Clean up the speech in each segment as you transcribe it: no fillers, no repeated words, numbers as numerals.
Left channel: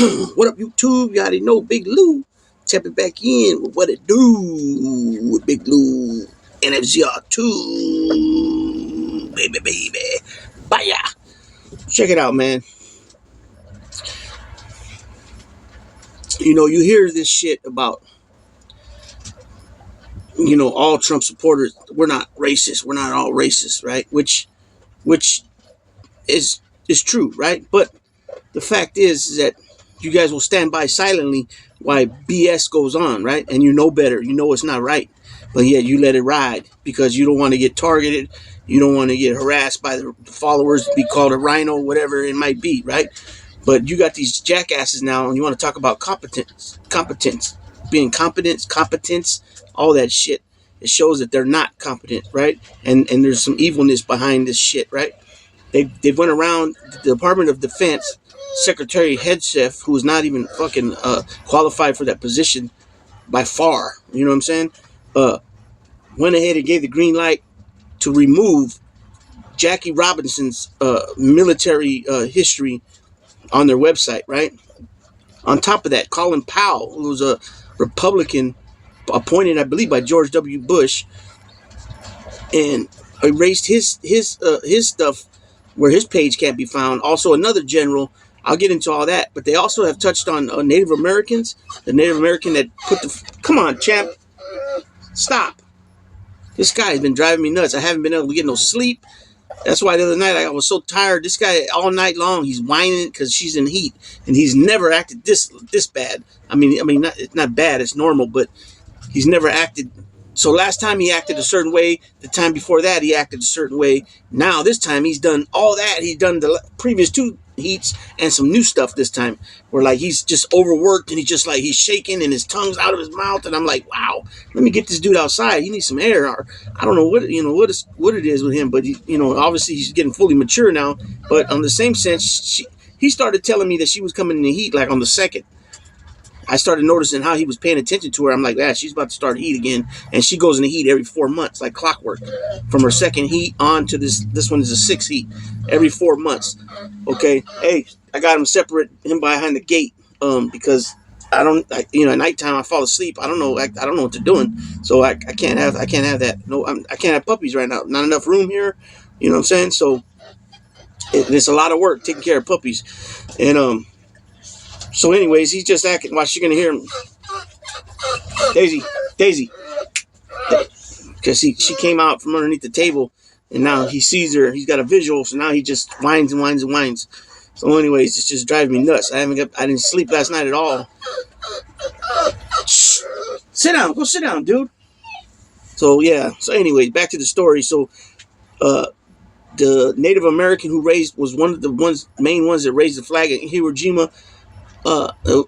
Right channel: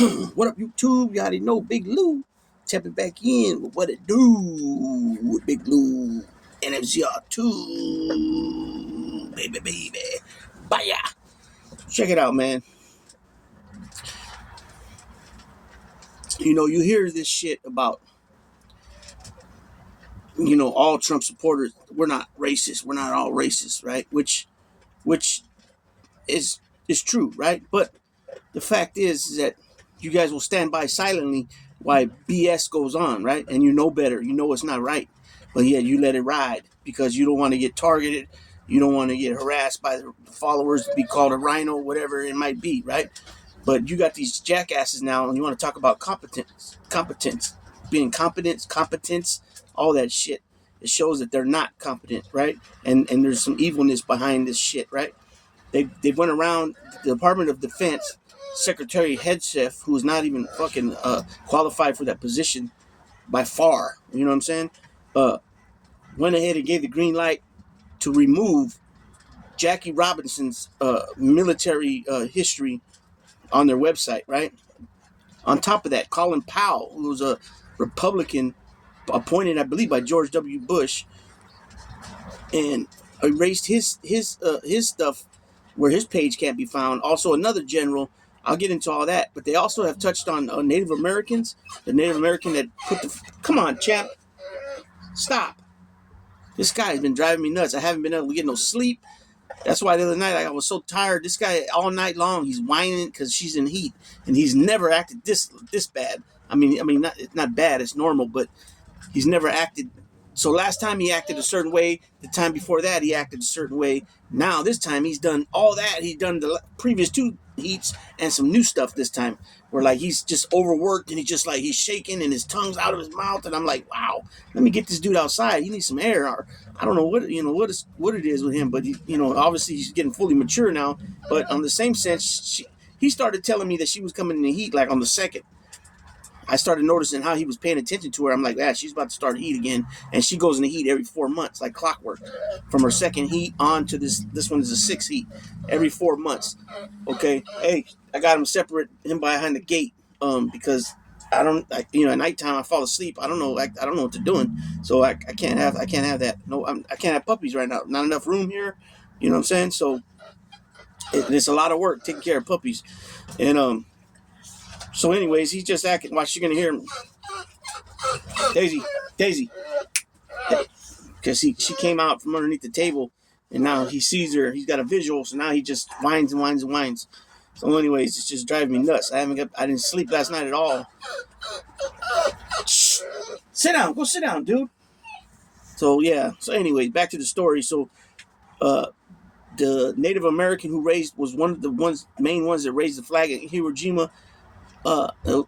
What up, YouTube? You already know Big Lou. Tapping back in with what it do with Big Lou. NFZR2. Baby. Bye. Check it out, man. You know, you hear this shit about, all Trump supporters. We're not racist. We're not all racist, right? Which is true, right? But the fact is that you guys will stand by silently while BS goes on, right? And you know better. You know it's not right. But yet you let it ride because you don't want to get targeted. You don't want to get harassed by the followers, be called a rhino, whatever it might be, right? But you got these jackasses now, and you want to talk about competence, being competence, all that shit. It shows that they're not competent, right? And there's some evilness behind this shit, right? They went around the Department of Defense Secretary Hegseth, who is not even fucking qualified for that position by far. You know what I'm saying? Went ahead and gave the green light to remove Jackie Robinson's military history on their website, right? On top of that, Colin Powell, who was a Republican appointed, I believe, by George W. Bush, and erased his stuff where his page can't be found. Also, another general. I'll get into all that, but they also have touched on Native Americans. The Native American that put the... Come on, champ. Stop. This guy has been driving me nuts. I haven't been able to get no sleep. That's why the other night I was so tired. This guy, all night long, he's whining because she's in heat. And he's never acted this bad. I mean, it's not bad. It's normal, but he's never acted... So last time he acted a certain way. The time before that, he acted a certain way. Now, this time, he's done all that. He's done the previous two heats and some new stuff this time. Where, like, he's just overworked and he's shaking and his tongue's out of his mouth. And I'm like, wow, let me get this dude outside. He needs some air. Or, I don't know what it is with him. But, obviously he's getting fully mature now. But on the same sense, he started telling me that she was coming in the heat, like, on the 2nd. I started noticing how he was paying attention to her. I'm like, she's about to start heat again. And she goes in the heat every 4 months, like clockwork. From her second heat on to this one is a 6th heat. Every 4 months. Okay. Hey, I got him separate, him behind the gate. Because at nighttime I fall asleep. I don't know what they're doing. So I can't have that. No, I can't have puppies right now. Not enough room here. You know what I'm saying? So it's a lot of work taking care of puppies. And so anyways, he's just acting. Watch, you're going to hear him. Daisy. Because she came out from underneath the table, and now he sees her. He's got a visual, so now he just whines and whines and whines. So anyways, it's just driving me nuts. I didn't sleep last night at all. Shh. Sit down. Go sit down, dude. So, yeah. So anyways, back to the story. So, the Native American who was one of the main ones that raised the flag at Iwo Jima,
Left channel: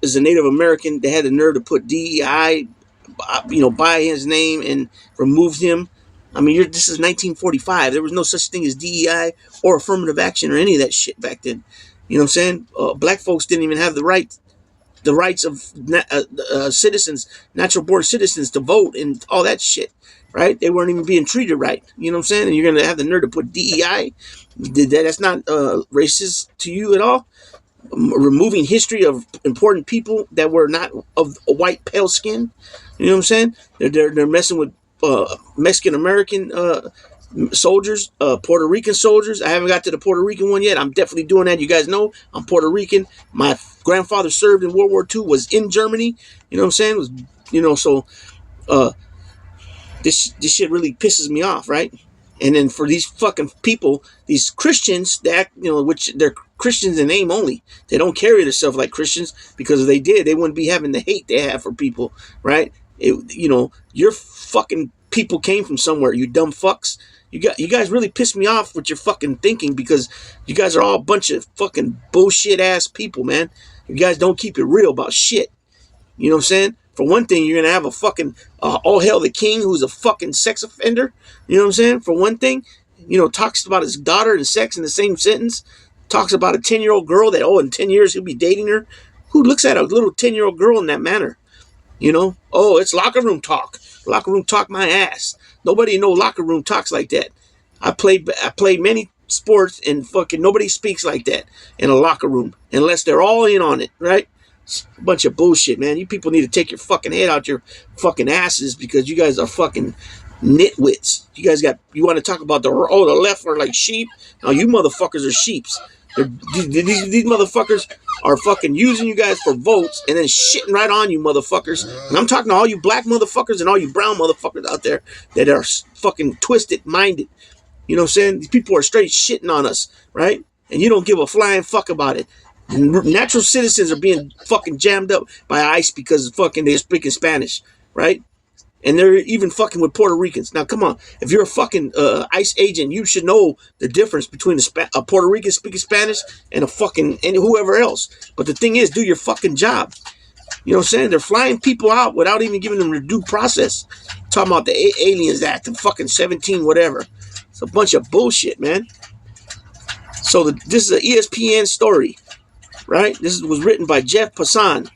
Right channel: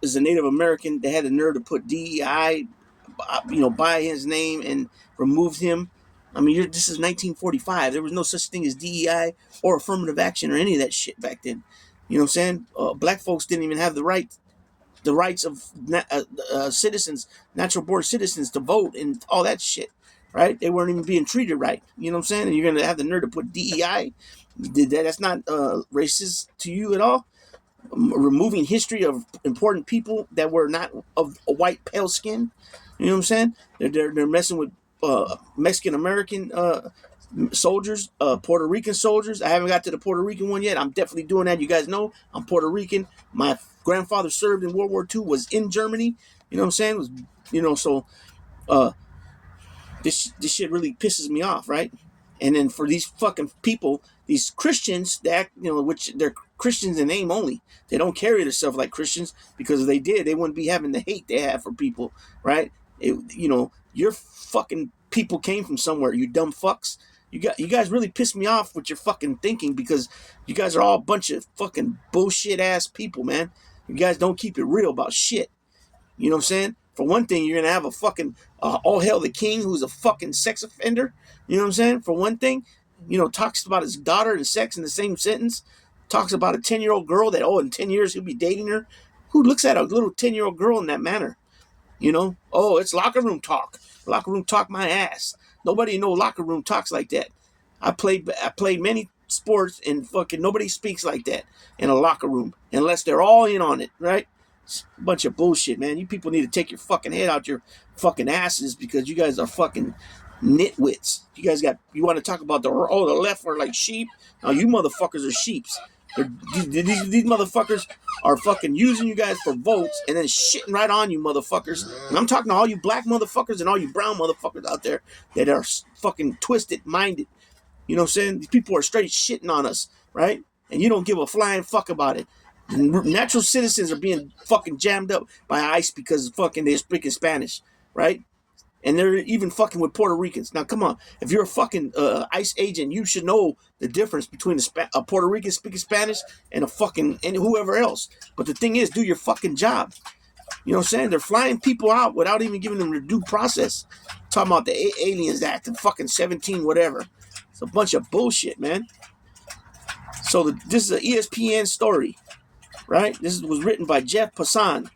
is a Native American. They had the nerve to put DEI, by his name and removed him. I mean, this is 1945. There was no such thing as DEI or affirmative action or any of that shit back then. You know what I'm saying? Black folks didn't even have the rights of citizens, natural born citizens, to vote and all that shit. Right? They weren't even being treated right. You know what I'm saying? And you're going to have the nerve to put DEI? That's not racist to you at all? Removing history of important people that were not of a white pale skin. You know what I'm saying? They're messing with Mexican American soldiers, Puerto Rican soldiers. I haven't got to the Puerto Rican one yet. I'm definitely doing that. You guys know I'm Puerto Rican. My grandfather served in World War II, was in Germany. You know what I'm saying? So this shit really pisses me off, right? And then for these fucking people, these Christians, that which they're Christians in name only. They don't carry themselves like Christians, because if they did, they wouldn't be having the hate they have for people, right? Your fucking people came from somewhere, you dumb fucks. You guys really piss me off with your fucking thinking, because you guys are all a bunch of fucking bullshit ass people, man. You guys don't keep it real about shit. You know what I'm saying? For one thing, you're going to have a fucking all hail the king who's a fucking sex offender. You know what I'm saying? For one thing, talks about his daughter and sex in the same sentence. Talks about a 10-year-old girl that, in 10 years he'll be dating her. Who looks at a little 10-year-old girl in that manner? It's locker room talk. Locker room talk my ass. Nobody in no locker room talks like that. I played many sports, and fucking nobody speaks like that in a locker room unless they're all in on it, right? A bunch of bullshit, man. You people need to take your fucking head out your fucking asses because you guys are fucking nitwits. You want to talk about the left are like sheep? No, you motherfuckers are sheeps. These motherfuckers are fucking using you guys for votes and then shitting right on you motherfuckers. And I'm talking to all you black motherfuckers and all you brown motherfuckers out there that are fucking twisted minded. You know what I'm saying? These people are straight shitting on us, right? And you don't give a flying fuck about it. Natural citizens are being fucking jammed up by ICE because fucking they're speaking Spanish, right? And they're even fucking with Puerto Ricans. Now, come on. If you're a fucking ICE agent, you should know the difference between a Puerto Rican speaking Spanish and and whoever else. But the thing is, do your fucking job. You know what I'm saying? They're flying people out without even giving them their due process. Talking about the Aliens Act and fucking 17 whatever. It's a bunch of bullshit, man. So this is an ESPN story, right? This was written by Jeff Passan.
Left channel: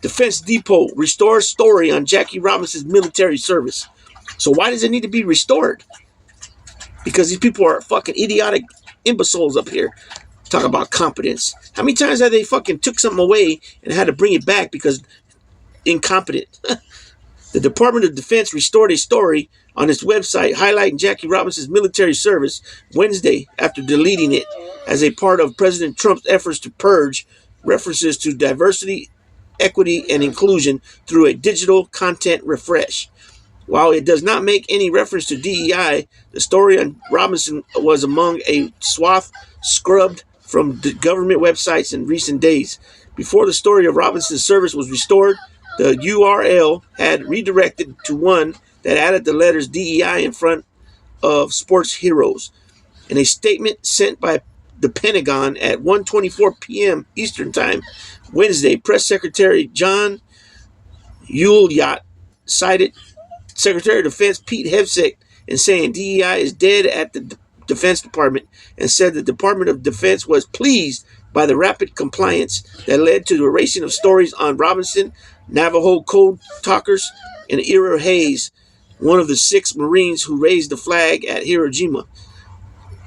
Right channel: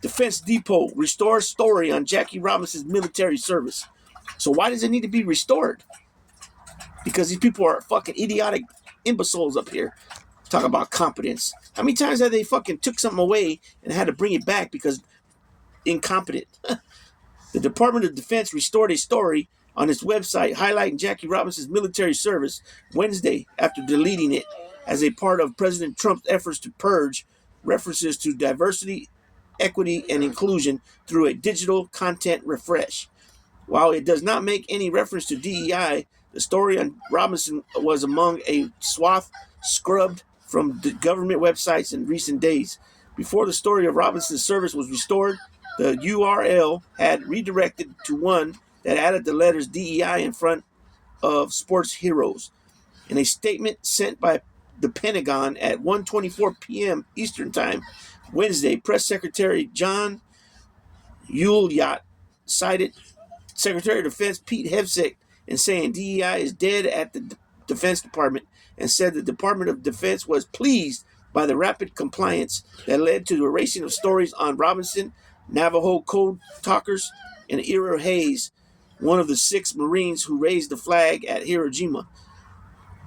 Defense Depot restores story on Jackie Robinson's military service. So why does it need to be restored? Because these people are fucking idiotic imbeciles up here. Talk about competence. How many times have they fucking took something away and had to bring it back because incompetent? The Department of Defense restored a story on its website highlighting Jackie Robinson's military service Wednesday after deleting it as a part of President Trump's efforts to purge references to diversity, equity, and inclusion through a digital content refresh. While it does not make any reference to DEI, the story on Robinson was among a swath scrubbed from the government websites in recent days. Before the story of Robinson's service was restored, the URL had redirected to one that added the letters DEI in front of sports heroes. In a statement sent by the Pentagon at 1:24 p.m. Eastern Time Wednesday, Press Secretary John Ulyott cited Secretary of Defense Pete Hegseth in saying DEI is dead at the Defense Department and said the Department of Defense was pleased by the rapid compliance that led to the erasing of stories on Robinson, Navajo code talkers, and Ira Hayes, one of the 6 Marines who raised the flag at Hiroshima.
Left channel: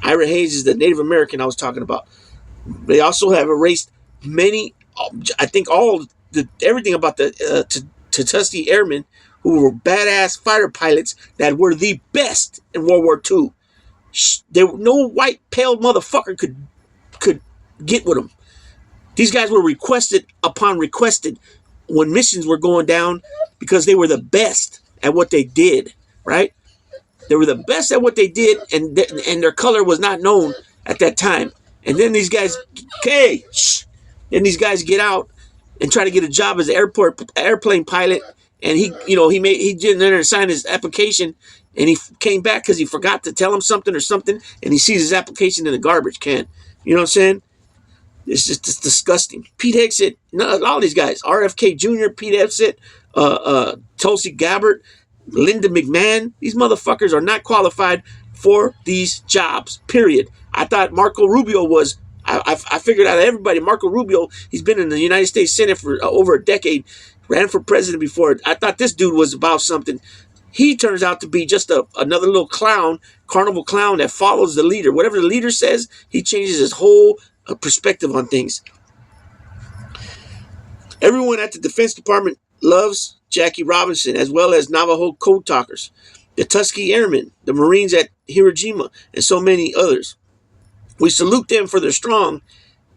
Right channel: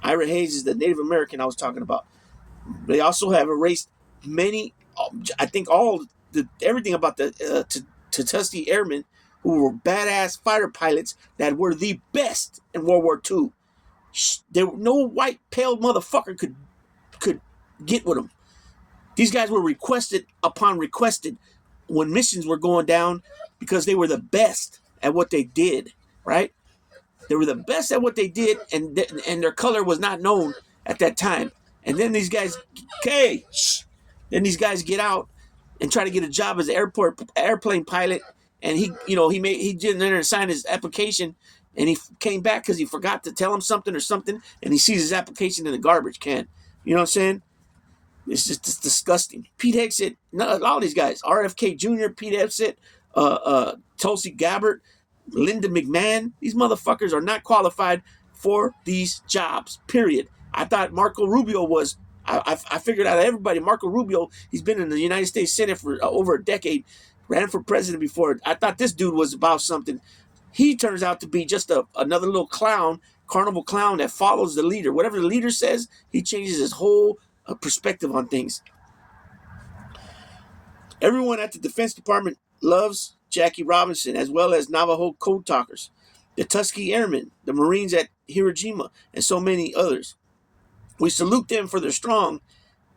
Ira Hayes is the Native American I was talking about. They also have erased many, I think everything about the Tuskegee Airmen who were badass fighter pilots that were the best in World War II. No white pale motherfucker could get with them. These guys were requested upon requested when missions were going down because they were the best at what they did, right? They were the best at what they did, and their color was not known at that time. And then these guys, then these guys get out and try to get a job as an airplane pilot, and he didn't sign his application, and he came back because he forgot to tell him something, and he sees his application in the garbage can. You know what I'm saying? It's disgusting. Pete Hegseth, all these guys, RFK Jr., Pete Hegseth, Tulsi Gabbard, Linda McMahon, these motherfuckers are not qualified for these jobs, period. I thought Marco Rubio was, I figured out everybody, Marco Rubio, he's been in the United States Senate for over a decade, ran for president before. I thought this dude was about something. He turns out to be just another little clown, carnival clown that follows the leader. Whatever the leader says, he changes his whole perspective on things. Everyone at the Defense Department loves Jackie Robinson, as well as Navajo code talkers, the Tuskegee Airmen, the Marines at Hiroshima, and so many others. We salute them for their strong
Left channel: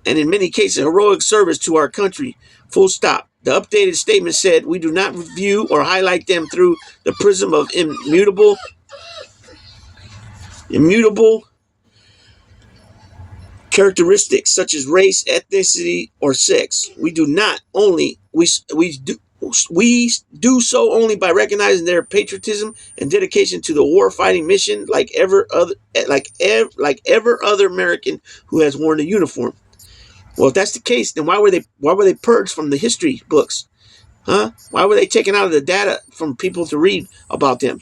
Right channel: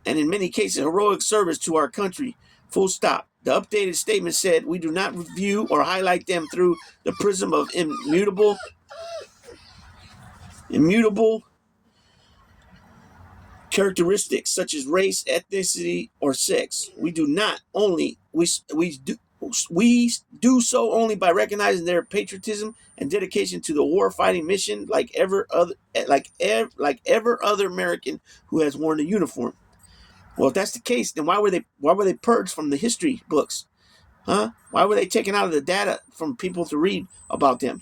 and, in many cases, heroic service to our country. Full stop. The updated statement said, we do not review or highlight them through the prism of immutable characteristics such as race, ethnicity, or sex. We do not only we do so only by recognizing their patriotism and dedication to the war-fighting mission, like ever other American who has worn a uniform. Well, if that's the case, then why were they purged from the history books? Huh? Why were they taken out of the data from people to read about them?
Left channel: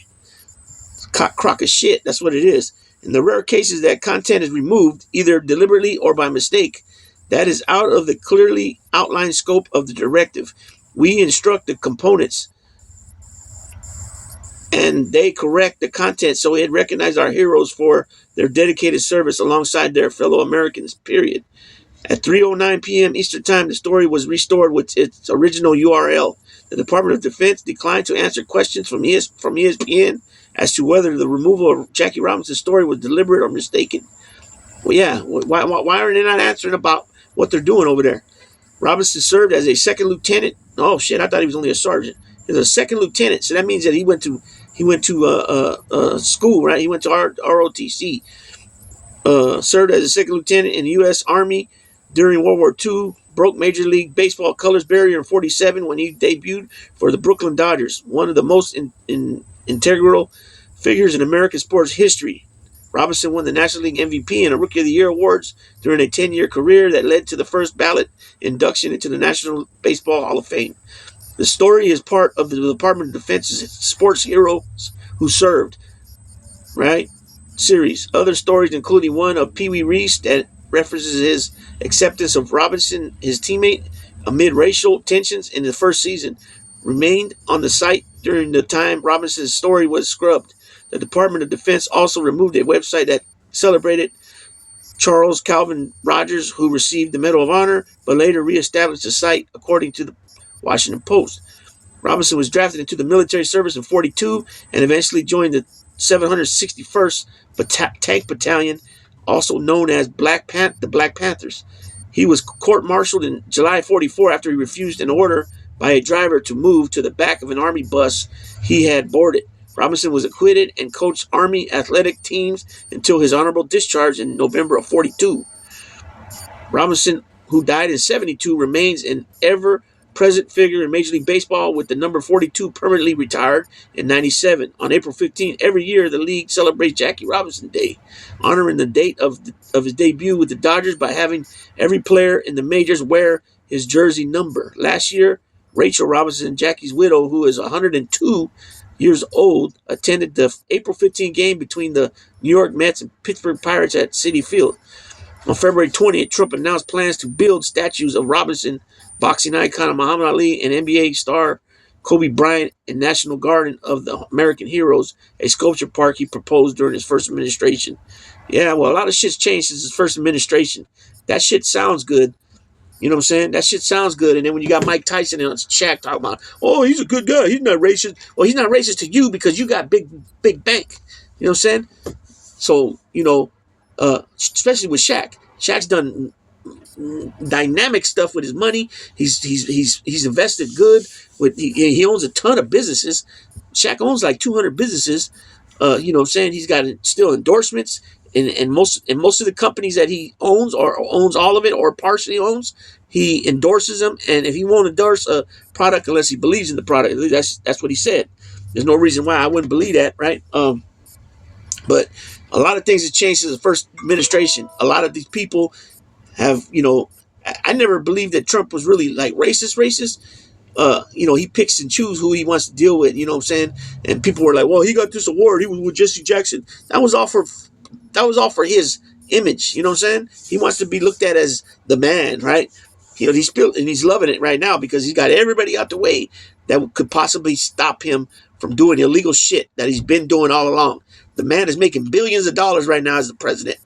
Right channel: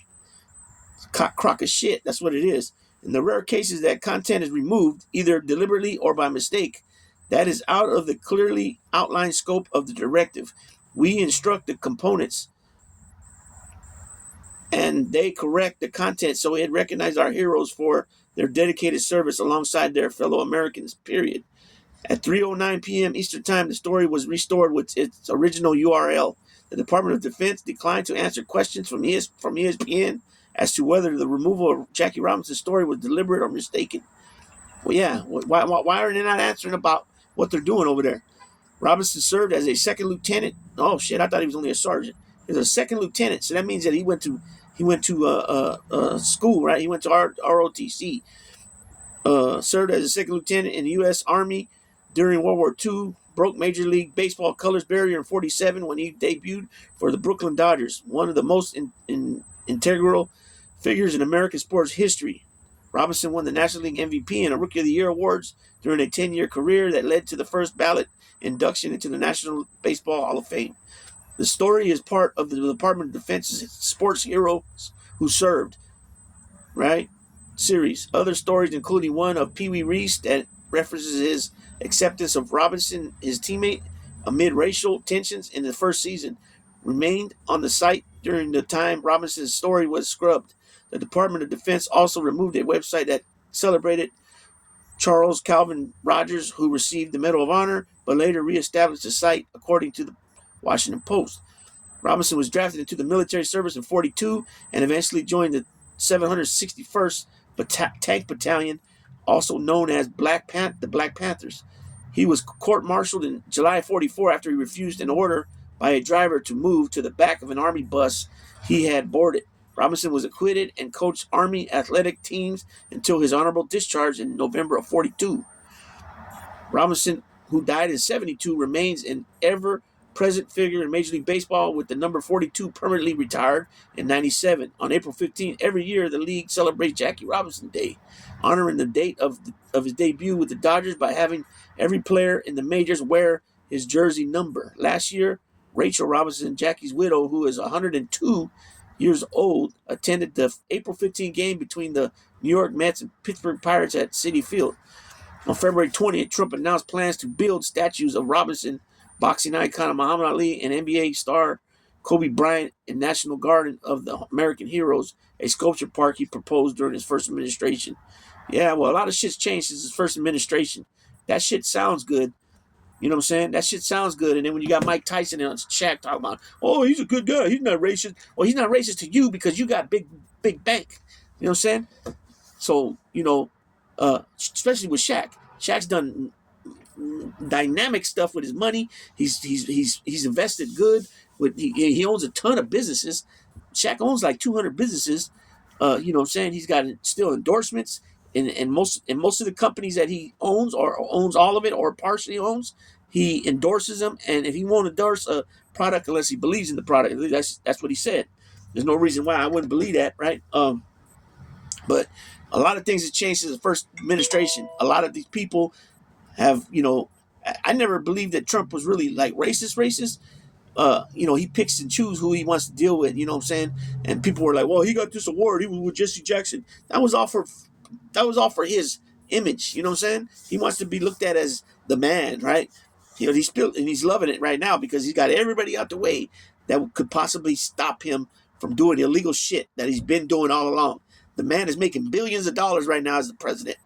Crock of shit. That's what it is. In the rare cases that content is removed, either deliberately or by mistake, that is out of the clearly outlined scope of the directive. We instruct the components, and they correct the content so it recognizes our heroes for their dedicated service alongside their fellow Americans, period. At 3:09 p.m. Eastern Time, the story was restored with its original URL. The Department of Defense declined to answer questions from ESPN as to whether the removal of Jackie Robinson's story was deliberate or mistaken. Well, yeah, why are they not answering about what they're doing over there? Robinson served as a second lieutenant. Oh shit, I thought he was only a sergeant. He was a second lieutenant, so that means that he went to school, right? He went to ROTC. Served as a second lieutenant in the U.S. Army during World War II. Broke Major League Baseball colors barrier in '47 when he debuted for the Brooklyn Dodgers, one of the most integral figures in American sports history. Robinson won the National League MVP and a Rookie of the Year awards during a 10-year career that led to the first ballot induction into the National Baseball Hall of Fame. The story is part of the Department of Defense's Sports Heroes Who Served, right? Series. Other stories, including one of Pee Wee Reese that references his acceptance of Robinson, his teammate, amid racial tensions in the first season, remained on the site during the time Robinson's story was scrubbed. The Department of Defense also removed a website that celebrated Charles Calvin Rogers, who received the Medal of Honor, but later reestablished the site, according to the Washington Post. Robinson was drafted into the military service in '42 and eventually joined the 761st Tank Battalion, also known as the Black Panthers. He was court-martialed in July '44 after he refused an order by a driver to move to the back of an Army bus he had boarded. Robinson was acquitted and coached Army athletic teams until his honorable discharge in November of '42. Robinson, who died in '72, remains an ever-present figure in Major League Baseball, with the number 42 permanently retired in '97. On April 15, every year, the league celebrates Jackie Robinson Day, honoring the date of his debut with the Dodgers by having every player in the majors wear his jersey number. Last year, Rachel Robinson, Jackie's widow, who is 102 years old, attended the April 15 game between the New York Mets and Pittsburgh Pirates at Citi Field. On February 20th, Trump announced plans to build statues of Robinson, boxing icon Muhammad Ali, and NBA star Kobe Bryant in National Garden of the American Heroes, a sculpture park he proposed during his first administration. Yeah, well, a lot of shit's changed since his first administration. That shit sounds good. You know what I'm saying? That shit sounds good. And then when you got Mike Tyson and Shaq talking about, oh, he's a good guy. He's not racist. Well, he's not racist to you because you got big bank. You know what I'm saying? So, especially with Shaq. Shaq's done dynamic stuff with his money. He's invested good. He owns a ton of businesses. Shaq owns like 200 businesses. You know what I'm saying? He's got still endorsements. And most of the companies that he owns, or owns all of it or partially owns, he endorses them. And if he won't endorse a product unless he believes in the product, that's what he said. There's no reason why I wouldn't believe that, right? But a lot of things have changed since the first administration. A lot of these people have, I never believed that Trump was really like racist. He picks and chooses who he wants to deal with, you know what I'm saying? And people were like, well, he got this award. He was with Jesse Jackson. That was all for his image, you know what I'm saying? He wants to be looked at as the man, right? He's loving it right now because he's got everybody out the way that could possibly stop him from doing illegal shit that he's been doing all along. The man is making billions of dollars right now as the president,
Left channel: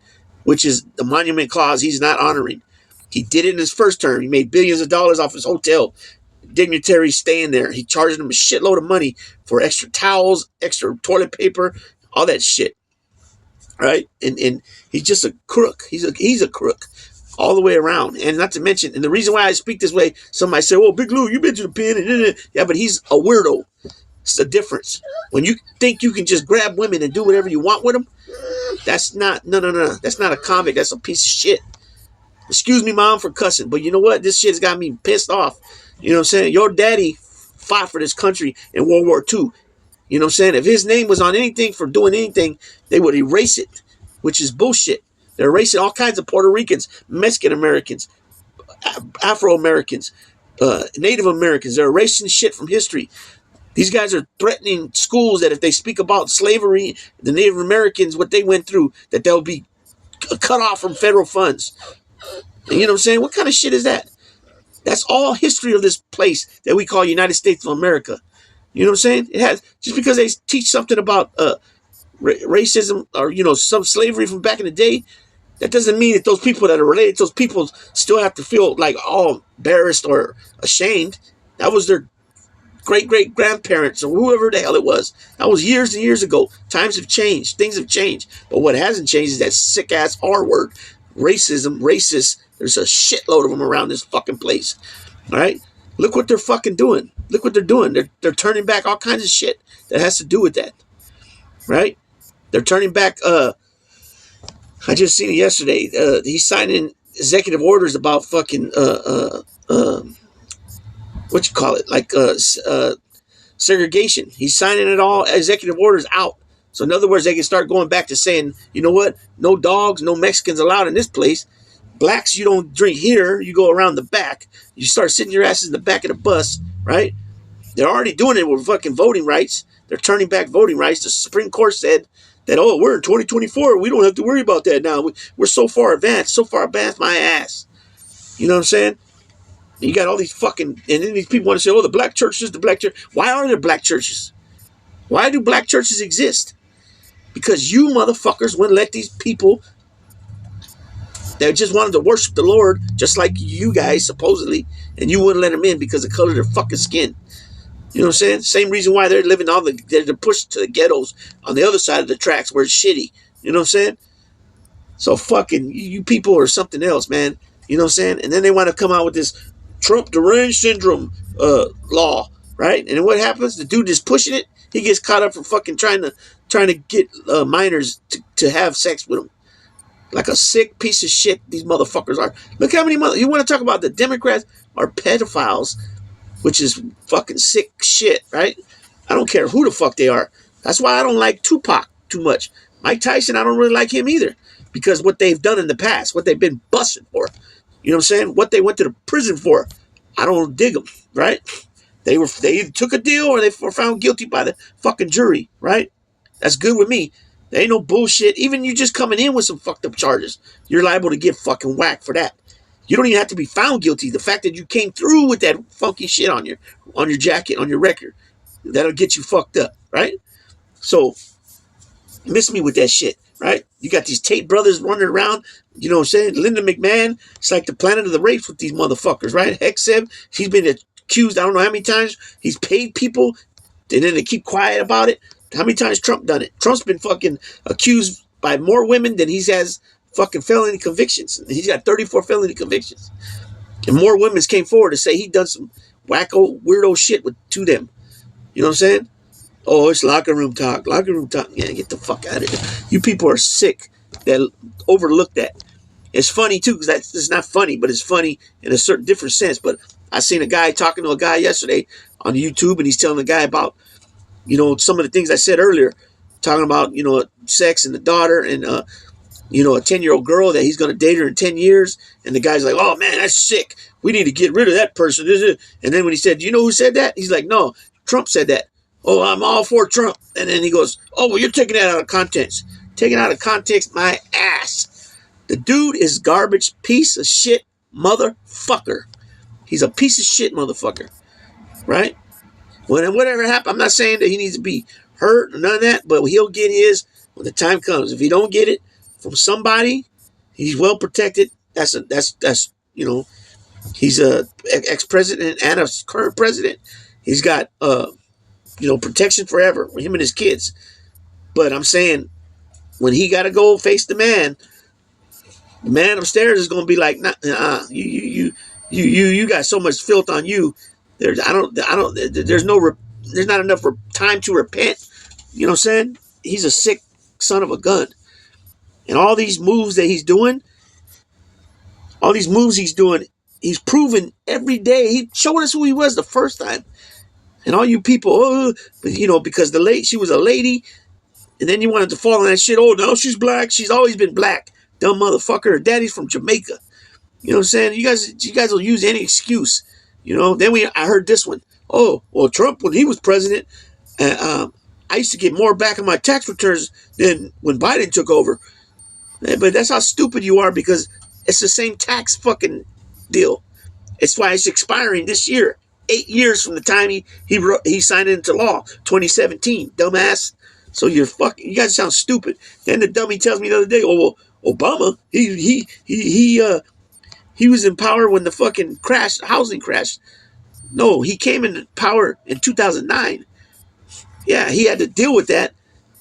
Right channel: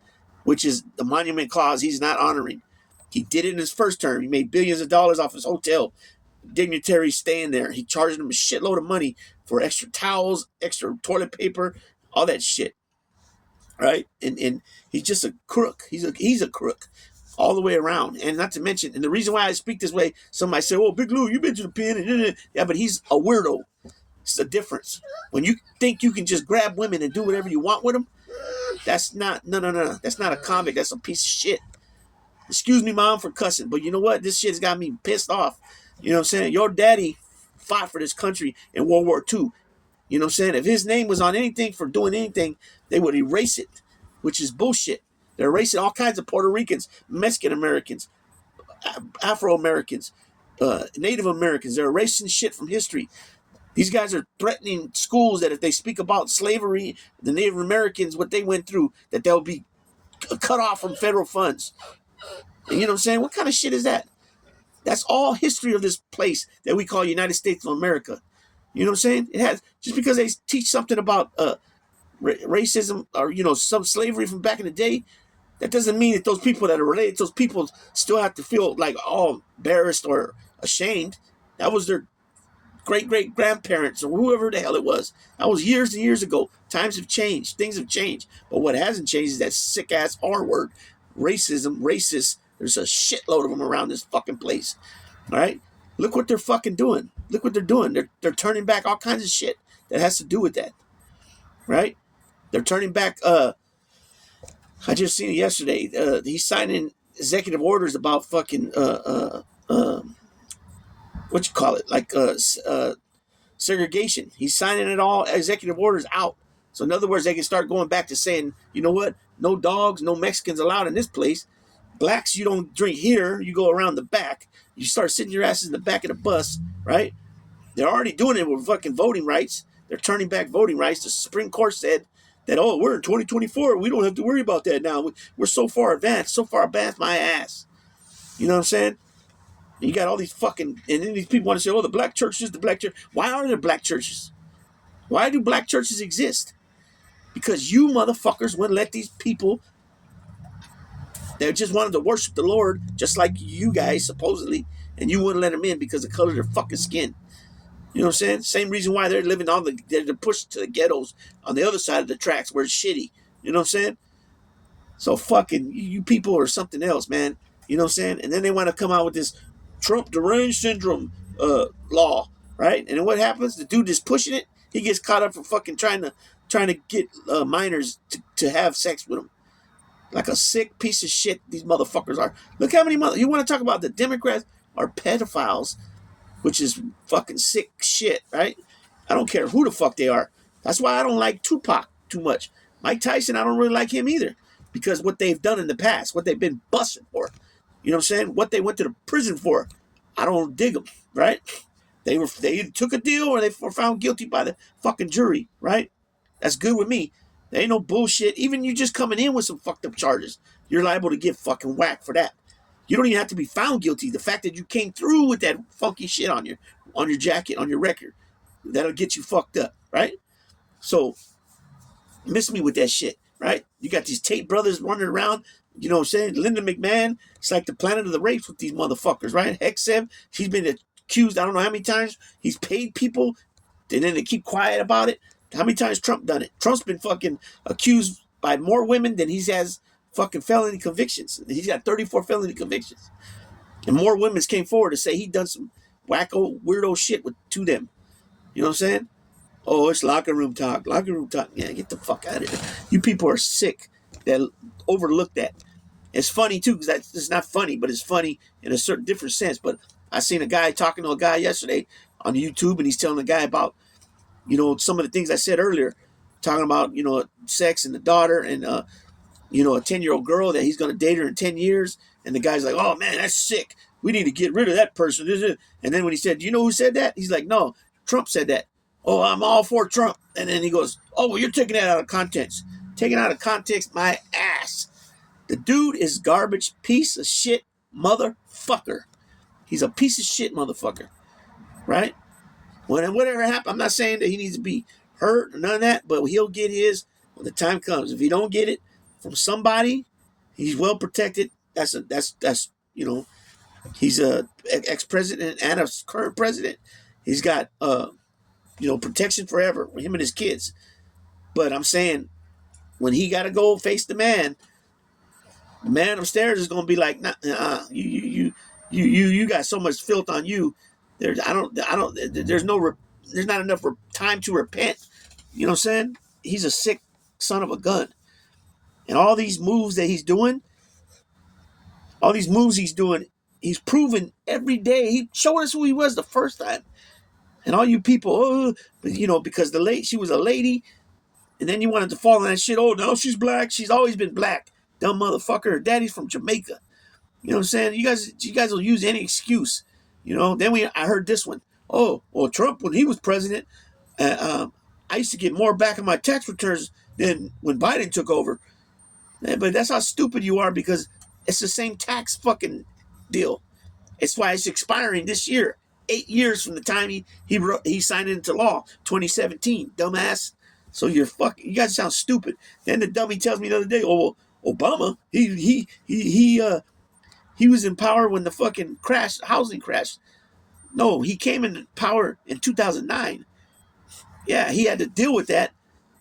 which is the monument clause he's not honoring. He did it in his first term. He made billions of dollars off his hotel dignitaries staying there. He charged them a shitload of money for extra towels, extra toilet paper, all that shit. Right? And he's just a crook. He's a crook all the way around. And not to mention, and the reason why I speak this way, somebody say, well, Big Lou, you been to the pen. Yeah, but he's a weirdo. It's the difference. When you think you can just grab women and do whatever you want with them, that's not, no. That's not a comic. That's a piece of shit. Excuse me, Mom, for cussing. But you know what? This shit's got me pissed off. You know what I'm saying? Your daddy fought for this country in World War II. You know what I'm saying? If his name was on anything for doing anything, they would erase it, which is bullshit. They're erasing all kinds of Puerto Ricans, Mexican Americans, Afro-Americans, Native Americans. They're erasing shit from history. These guys are threatening schools that if they speak about slavery, the Native Americans, what they went through, that they'll be cut off from federal funds. And you know what I'm saying? What kind of shit is that? That's all history of this place that we call United States of America. You know what I'm saying? It has, just because they teach something about racism or, some slavery from back in the day, That doesn't mean that those people that are related to those people still have to feel like all embarrassed or ashamed. That was their great-great-grandparents or whoever the hell it was. That was years and years ago. Times have changed. Things have changed. But what hasn't changed is that sick-ass R word. Racism, racist. There's a shitload of them around this fucking place. All right? Look what they're fucking doing. Look what they're doing. They're turning back all kinds of shit that has to do with that. Right? They're turning back... I just seen it yesterday. He's signing executive orders about fucking what you call it, like segregation. He's signing it all, executive orders out. So in other words, they can start going back to saying, you know what? No dogs, no Mexicans allowed in this place. Blacks, you don't drink here. You go around the back. You start sitting your asses in the back of the bus, right? They're already doing it with fucking voting rights. They're turning back voting rights. The Supreme Court said that, oh, we're in 2024. We don't have to worry about that now. We're so far advanced, my ass. You know what I'm saying? You got all these fucking, and then these people want to say, oh, the black churches, the black church. Why are there black churches? Why do black churches exist? Because you motherfuckers wouldn't let these people that just wanted to worship the Lord, just like you guys, supposedly, and you wouldn't let them in because of the color of their fucking skin. You know what I'm saying? Same reason why they're living they're pushed to the ghettos on the other side of the tracks where it's shitty. You know what I'm saying? So fucking, you people are something else, man. You know what I'm saying? And then they want to come out with this Trump deranged syndrome law, right? And then what happens? The dude is pushing it. He gets caught up for fucking trying to get minors to have sex with him. Like a sick piece of shit these motherfuckers are. Look how many you want to talk about the Democrats are pedophiles, which is fucking sick shit, right? I don't care who the fuck they are. That's why I don't like Tupac too much. Mike Tyson, I don't really like him either. Because what they've done in the past, what they've been busted for. You know what I'm saying? What they went to the prison for. I don't dig them, right? They either took a deal or they were found guilty by the fucking jury, right? That's good with me. There ain't no bullshit. Even you just coming in with some fucked up charges, you're liable to get fucking whacked for that. You don't even have to be found guilty. The fact that you came through with that funky shit on your jacket, on your record, that'll get you fucked up, right? So, miss me with that shit, right? You got these Tate brothers running around, you know what I'm saying? Linda McMahon, it's like the planet of the rapes with these motherfuckers, right? Hexev, she's been accused, I don't know how many times. He's paid people, and then they keep quiet about it. How many times Trump done it? Trump's been fucking accused by more women than he has fucking felony convictions. He's got 34 felony convictions. And more women came forward to say he done some wacko, weirdo shit to them. You know what I'm saying? Oh, it's locker room talk. Locker room talk. Yeah, get the fuck out of here. You people are sick that overlook that. It's funny, too, because it's not funny, but it's funny in a certain different sense. But I seen a guy talking to a guy yesterday on YouTube, and he's telling the guy about, you know, some of the things I said earlier, talking about, you know, sex and the daughter and, you know, a 10-year-old girl that he's going to date her in 10 years. And the guy's like, oh, man, that's sick. We need to get rid of that person. And then when he said, do you know who said that? He's like, no, Trump said that. Oh, I'm all for Trump. And then he goes, oh, well, you're taking that out of context. Taking out of context my ass. The dude is garbage, piece of shit motherfucker. He's a piece of shit motherfucker. Right? Whatever happened, I'm not saying that he needs to be hurt or none of that, but he'll get his when the time comes. If he don't get it from somebody, he's well protected. That's you know, he's a ex-president and a current president. He's got you know, protection forever for him and his kids. But I'm saying when he got to go face the man upstairs is going to be like, you got so much filth on you. There's not enough time to repent. You know what I'm saying? He's a sick son of a gun. And all these moves that he's doing, he's proven every day. He showed us who he was the first time. And all you people, you know, because she was a lady, and then you wanted to fall on that shit. Oh, no, she's black. She's always been black. Dumb motherfucker. Her daddy's from Jamaica. You know what I'm saying? You guys will use any excuse. You know, then I heard this one. Oh, well, Trump, when he was president, I used to get more back in my tax returns than when Biden took over. But that's how stupid you are, because it's the same tax fucking deal. It's why it's expiring this year. 8 years from the time he signed it into law, 2017, dumbass. So you guys sound stupid. Then the dummy tells me the other day, oh, Obama, he was in power when the fucking housing crashed. No, he came into power in 2009. Yeah, he had to deal with that,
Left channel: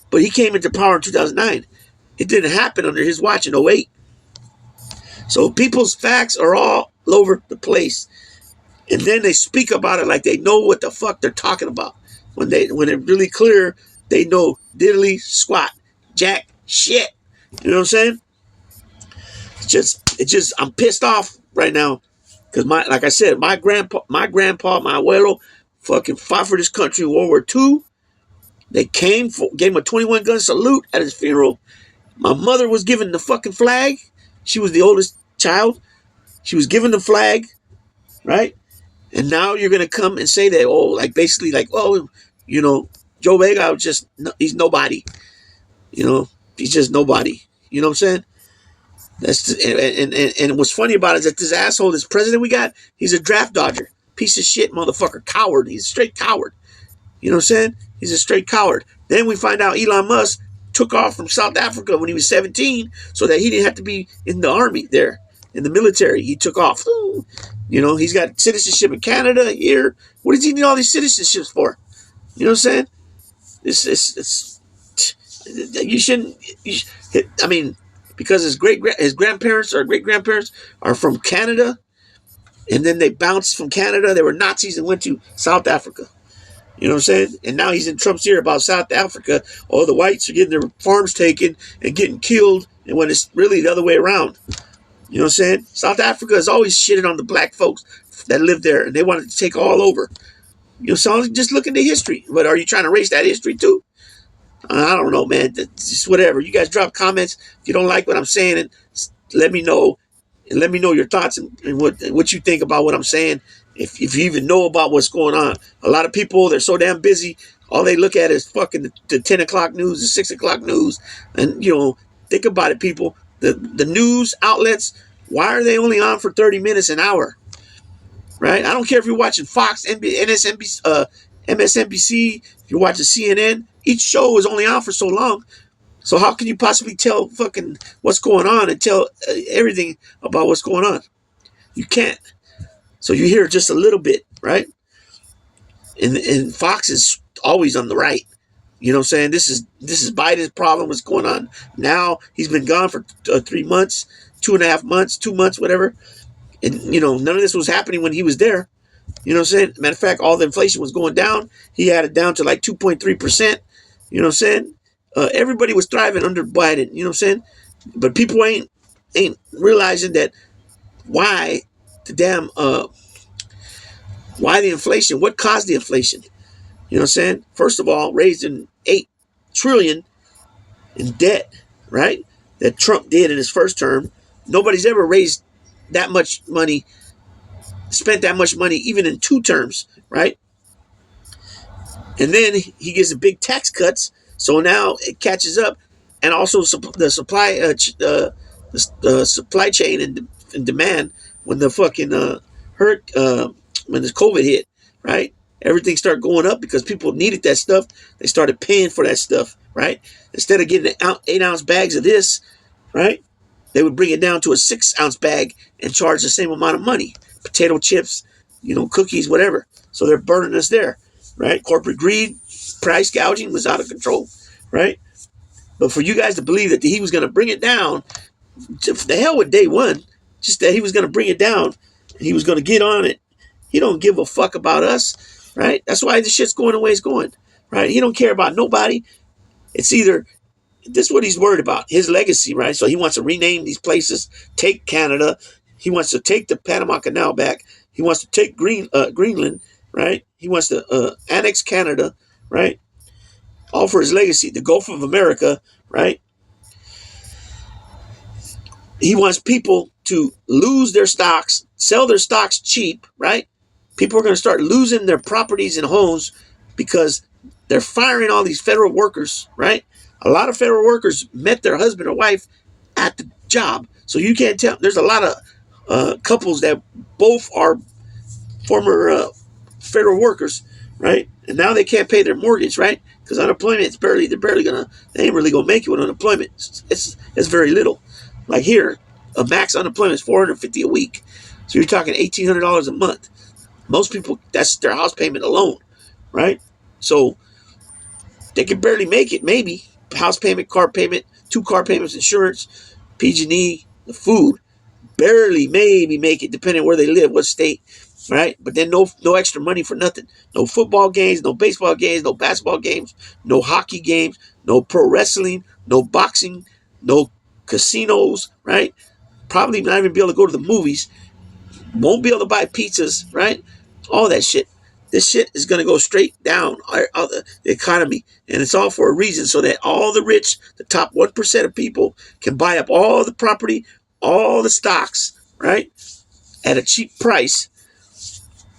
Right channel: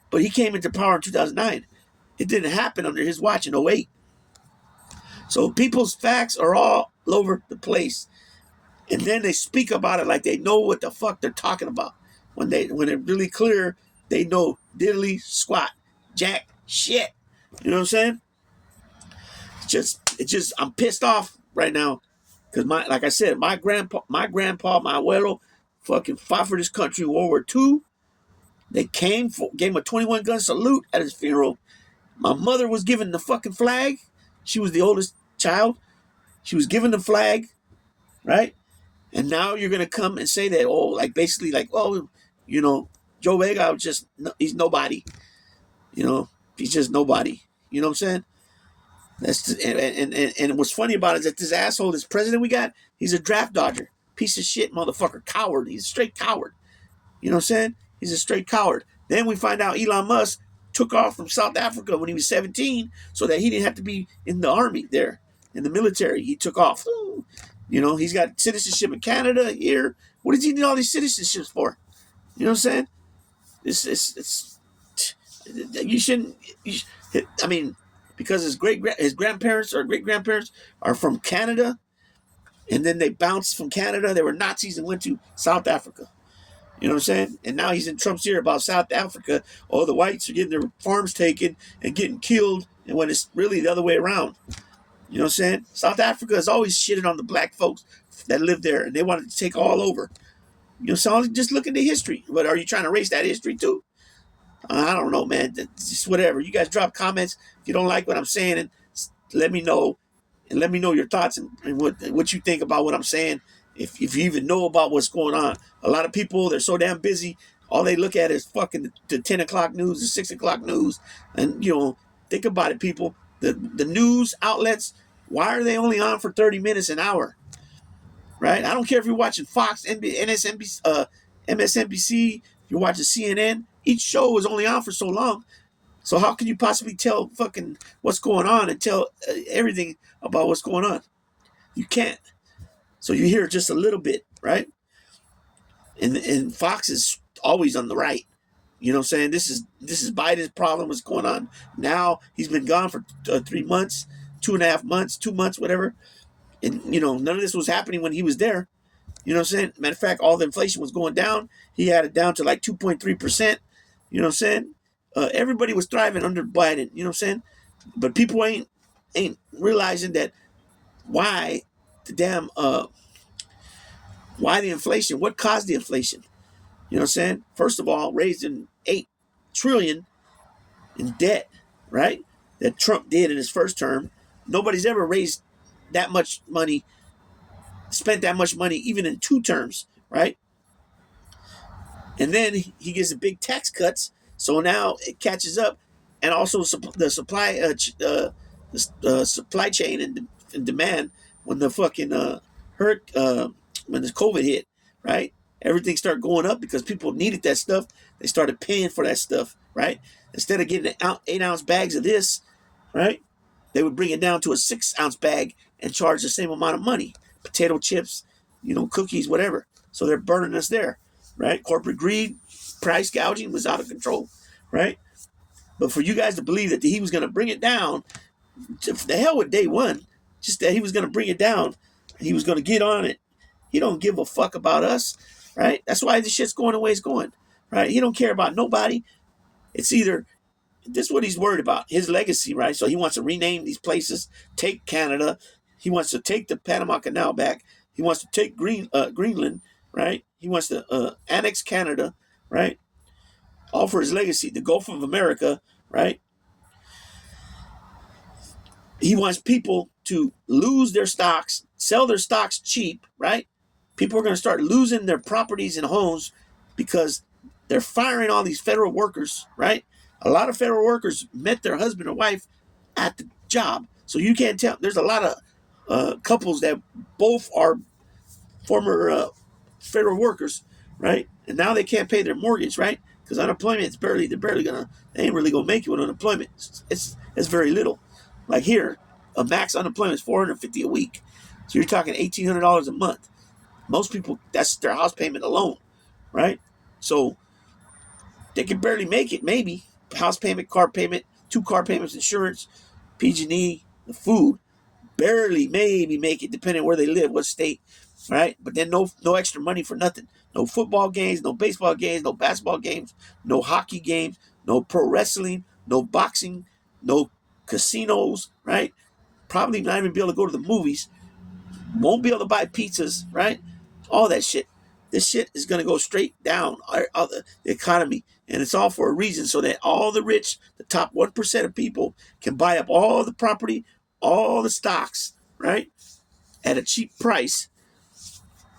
but he came into power in 2009. It didn't happen under his watch in '08. So people's facts are all over the place. And then they speak about it like they know what the fuck they're talking about. When it's really clear, they know diddly squat, jack shit. You know what I'm saying? I'm pissed off right now. Because like I said, my grandpa, my abuelo, fucking fought for this country in World War II. They gave him a 21 gun salute at his funeral. My mother was given the fucking flag. She was the oldest child. She was given the flag, right? And now you're gonna come and say that, oh, like basically like, oh, you know, Joe Vega he's nobody. You know, he's just nobody. You know what I'm saying? And what's funny about it is that this asshole, this president we got, he's a draft dodger, piece of shit, motherfucker, coward. He's a straight coward. You know what I'm saying? He's a straight coward. Then we find out Elon Musk took off from South Africa when he was 17 so that he didn't have to be in the army there, in the military. He took off. You know, he's got citizenship in Canada here. What does he need all these citizenships for? You know what I'm saying? You shouldn't. I mean, because his grandparents or great grandparents are from Canada, and then they bounced from Canada. They were Nazis and went to South Africa. You know what I'm saying? And now he's in Trump's ear about South Africa. Oh, the whites are getting their farms taken and getting killed, and when it's really the other way around. You know what I'm saying? South Africa is always shitting on the black folks that live there, and they wanted to take all over. You know, so just look into history. But are you trying to erase that history too? I don't know, man. It's just whatever. You guys drop comments if you don't like what I'm saying, and let me know. And let me know your thoughts and what you think about what I'm saying. If you even know about what's going on. A lot of people, they're so damn busy. All they look at is fucking the 10 o'clock news, the 6 o'clock news. And, you know, think about it, people. The news outlets, why are they only on for 30 minutes an hour? Right? I don't care if you're watching Fox, MSNBC, if you're watching CNN. Each show is only on for so long. So how can you possibly tell fucking what's going on and tell everything about what's going on? You can't. So you hear just a little bit, right? And Fox is always on the right. You know what I'm saying? This is Biden's problem. What's going on now? He's been gone for 3 months, 2.5 months, 2 months, whatever. And, you know, none of this was happening when he was there. You know what I'm saying? Matter of fact, all the inflation was going down. He had it down to like 2.3%. You know what I'm saying? Everybody was thriving under Biden. You know what I'm saying? But people ain't realizing that why the inflation? What caused the inflation? You know what I'm saying? First of all, raised in $8 trillion in debt, right? That Trump did in his first term. Nobody's ever raised that much money, spent that much money, even in 2 terms, right? And then he gives the big tax cuts, so now it catches up, and also the supply chain and demand when the fucking when the COVID hit, right? Everything started going up because people needed that stuff. They started paying for that stuff, right? Instead of getting 8-ounce bags of this, right? They would bring it down to a 6-ounce bag and charge the same amount of money. Potato chips, you know, cookies, whatever. So they're burning us there, right? Corporate greed, price gouging was out of control, right? But for you guys to believe that he was going to bring it down, the hell with day one, just that he was going to bring it down, he was going to get on it. He don't give a fuck about us, right? That's why this shit's going the way it's going, right? He don't care about nobody. It's either, this is what he's worried about, his legacy, right? So he wants to rename these places, take Canada. He wants to take the Panama Canal back. He wants to take Greenland, right? He wants to annex Canada, right? All for his legacy, the Gulf of America, right? He wants people to lose their stocks, sell their stocks cheap, right? People are going to start losing their properties and homes because they're firing all these federal workers, right? A lot of federal workers met their husband or wife at the job. So you can't tell. There's a lot of couples that both are former federal workers, right? And now they can't pay their mortgage, right? Because unemployment is they ain't really gonna make it with unemployment. It's very little. Like here, a max unemployment is $450 a week. So you're talking $1,800 a month. Most people, that's their house payment alone, right? So they can barely make it, maybe. House payment, car payment, 2 car payments, insurance, PG&E, the food. Barely, maybe make it, depending on where they live, what state, right? But then no extra money for nothing. No football games, no baseball games, no basketball games, no hockey games, no pro wrestling, no boxing, no casinos, right? Probably not even be able to go to the movies. Won't be able to buy pizzas, right? All that shit. This shit is going to go straight down the economy. And it's all for a reason, so that all the rich, the top 1% of people, can buy up all the property, all the stocks, right? At a cheap price,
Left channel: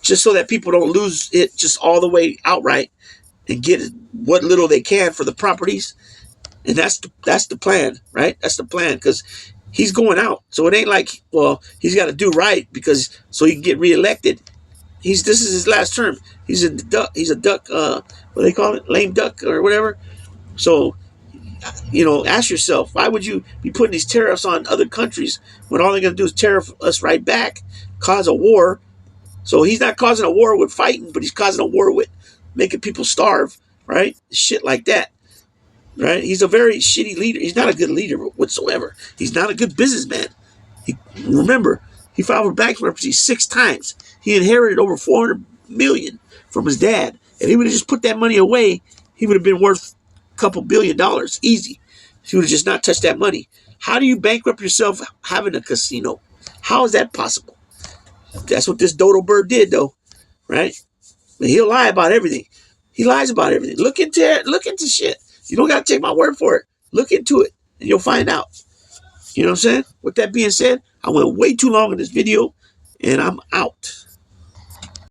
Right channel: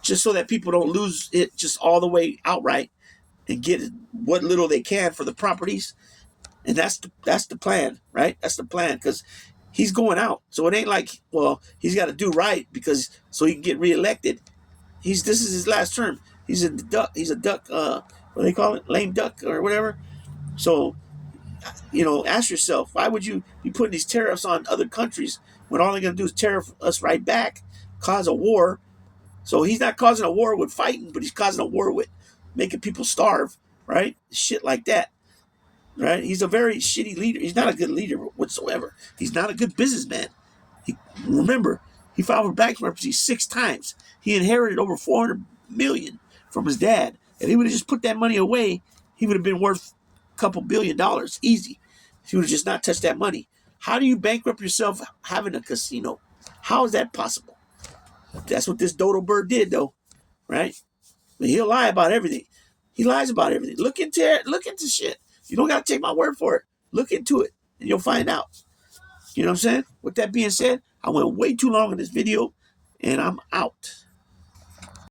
just so that people don't lose it just all the way outright and get what little they can for the properties. And that's the plan, right? That's the plan, because he's going out. So it ain't like, well, he's got to do right because so he can get reelected. This is his last term. He's a duck. What do they call it? Lame duck or whatever. So, ask yourself, why would you be putting these tariffs on other countries when all they're going to do is tariff us right back, cause a war? So he's not causing a war with fighting, but he's causing a war with making people starve, right? Shit like that, right? He's a very shitty leader. He's not a good leader whatsoever. He's not a good businessman. Remember, he filed for bankruptcy 6 times. He inherited over $400 million from his dad. If he would have just put that money away, he would have been worth a couple $1 billion easy. He would have just not touched that money. How do you bankrupt yourself having a casino? How is that possible? That's what this dodo bird did, though, right? But he'll lie about everything. He lies about everything. Look into it. Look into shit. You don't got to take my word for it. Look into it, and you'll find out. You know what I'm saying? With that being said, I went way too long in this video, and I'm out.